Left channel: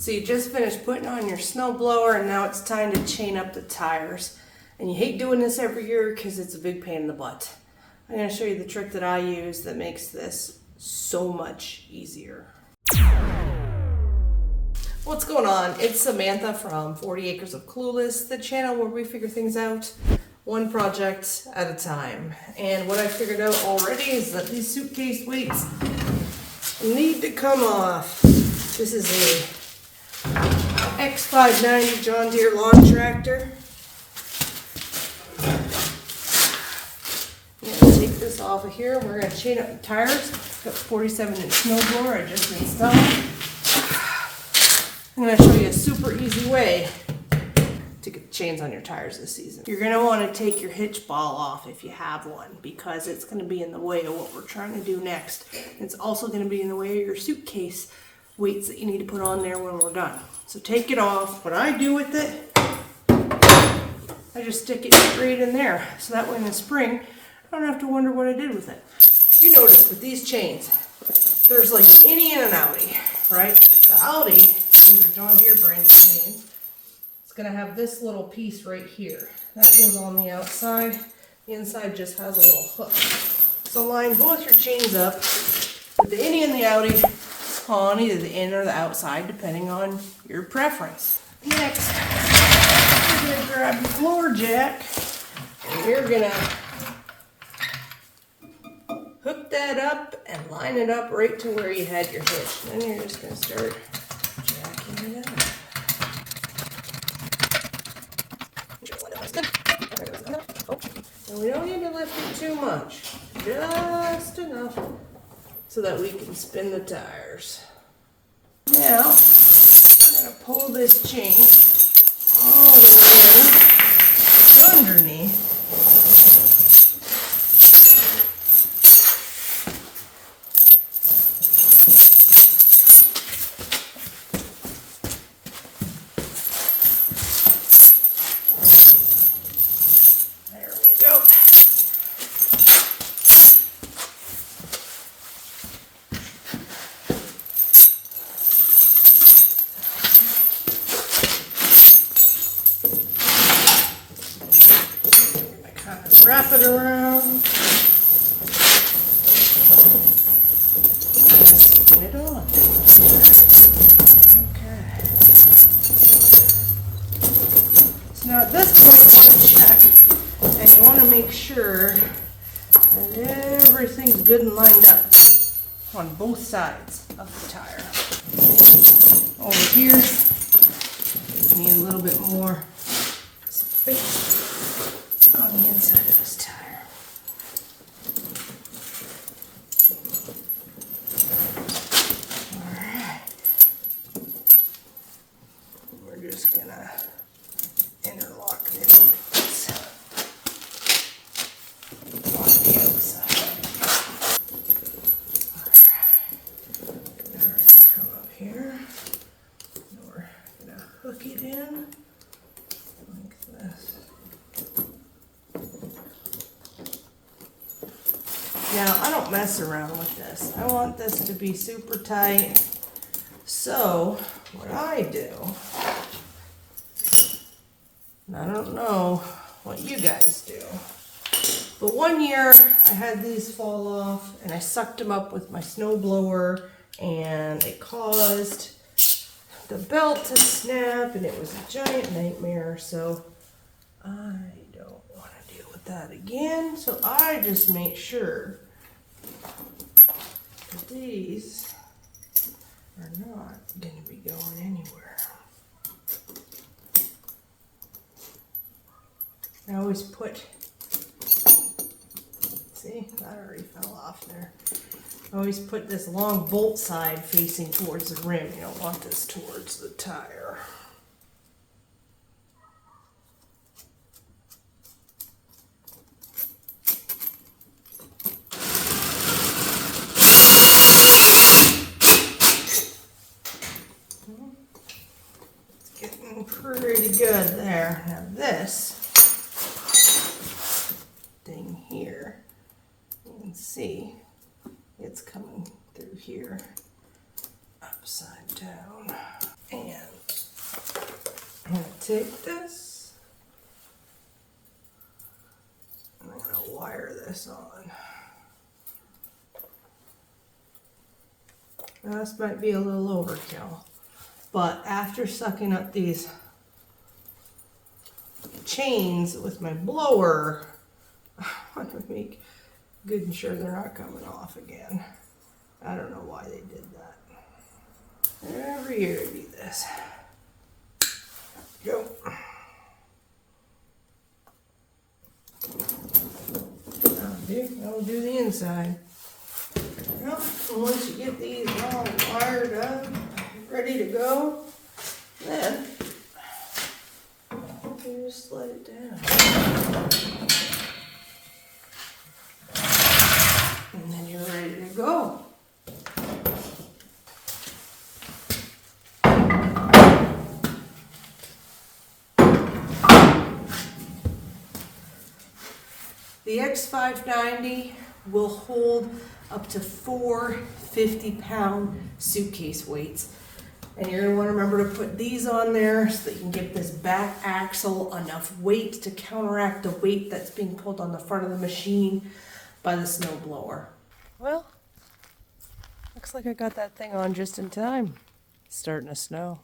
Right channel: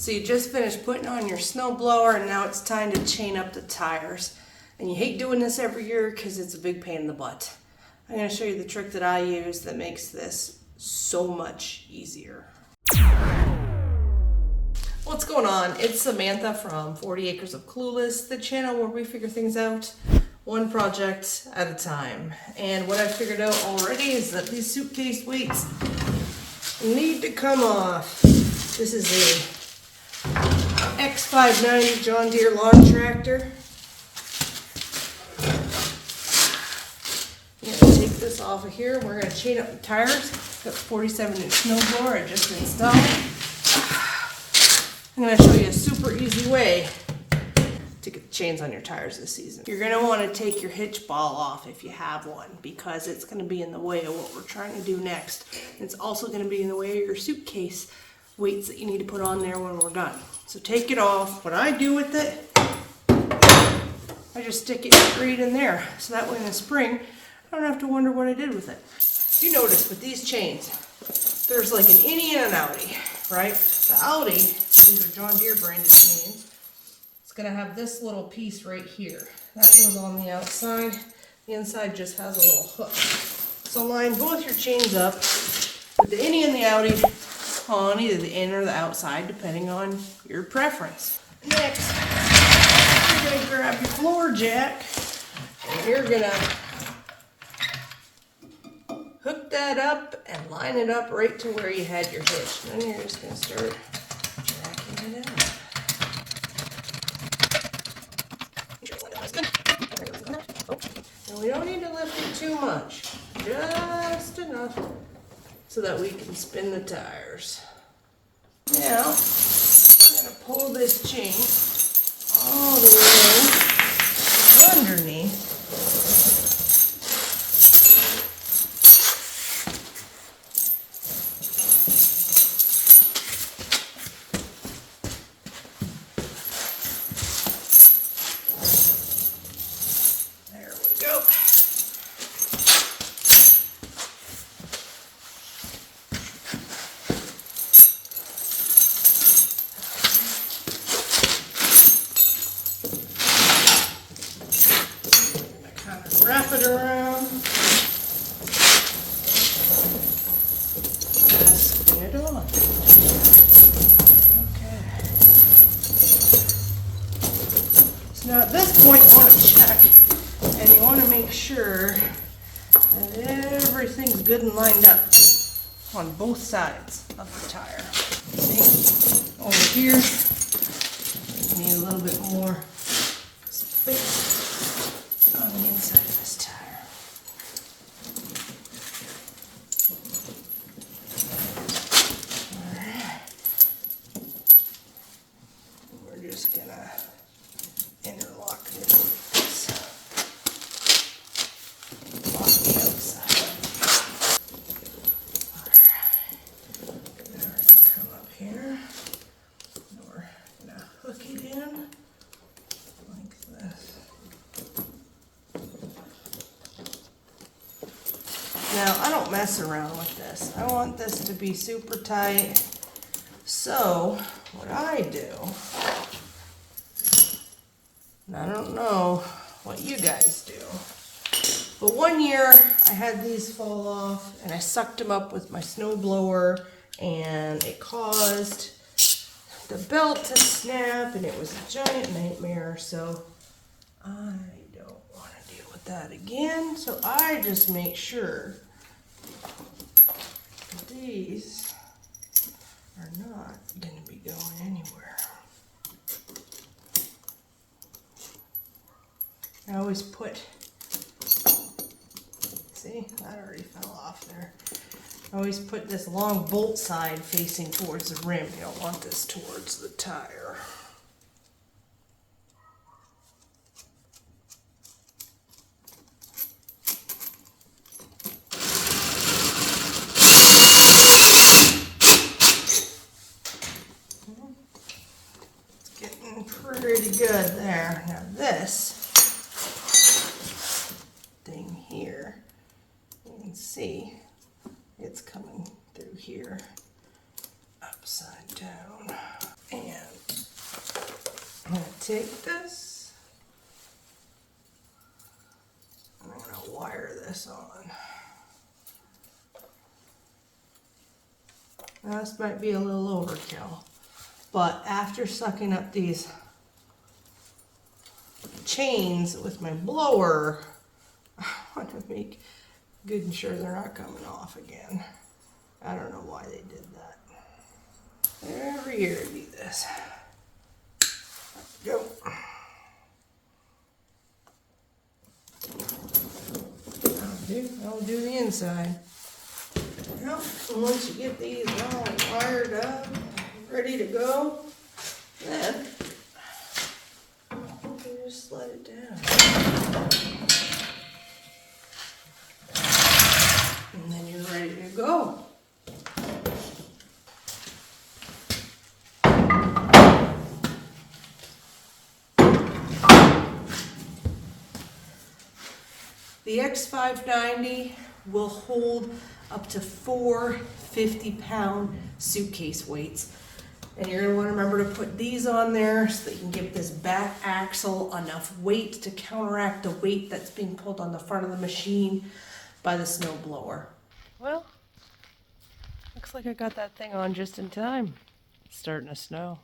So you just finished putting on your snow blower and now it's time to chain up the tires. And you hate doing this every year because it's a big pain in the butt. I'm going to show you the trick that I use that makes this so much easier. What's going on? It's Samantha from 40 Acres of Clueless, the channel where we figure things out one project at a time. And what I figured out already is that these suitcase weights need to come off. This is a X590 John Deere lawn tractor. I'm going to take this off of here. We're going to chain up the tires. Got 47-inch snowblower I just installed. I'm going to show you a super easy way to get the chains on your tires this season. You're going to want to take your hitch ball off if you have one, because it's going to be in the way of what we're trying to do next. It's also going to be in the way of your suitcase weights that you need to put on there when we're done. So take it off. What I do with it, I just stick it straight in there. So that way in the spring, I don't have to wonder what I did with it. You notice with these chains, there's like an innie and an outie, right? The outie, these are John Deere branded chains. It's gonna have this little piece right here. That goes on the outside. The inside just has a little hook. So line both your chains up with the innie and the outie on either the in or the outside, depending on your preference. Next, you're gonna grab your floor jack, and you're gonna hook that up and line it up right to where you had your hitch. Then you're just gonna start jacking it out. And we don't need to lift it too much, just enough so that we can spin the tires. Now, I'm gonna pull this chain all the way underneath. There we go. Wrap it around, and spin it on. Okay. So now at this point you want to check and you want to make sure that everything's good and lined up on both sides of the tire. See? Over here, you need a little bit more space on the inside of this tire. Alright. We're just gonna interlock this like this on the outside. Alright. Now we're gonna come up here. And we're gonna hook it in like this. Now, I don't mess around with this. I want this to be super tight. So, what I do, and I don't know what you guys do, but one year I had these fall off and I sucked them up with my snow blower and it caused the belt to snap and it was a giant nightmare. So, I don't want to deal with that again. So I just make sure that these are not going to be going anywhere. I always put, see, that already fell off there. I always put this long bolt side facing towards the rim. You don't want this towards the tire. Pretty good there. Now this thing here, you can see it's coming through here upside down. And take this, and I'm gonna wire this on. Now, this might be a little overkill, but after sucking up these chains with my blower, I want to make good and sure they're not coming off again. I don't know why they did that. Every year I do this. Go. That'll do the inside. Yep. And once you get these all wired up, ready to go, then you can just let it down. And then you're ready to go. The X590 will hold up to 4 50-pound suitcase weights. And you're going to want to remember to put these on there so that you can give this back axle enough weight to counteract the weight that's being pulled on the front of the machine by the snow blower. Well, looks like I got that thing on just in time. It's starting to snow.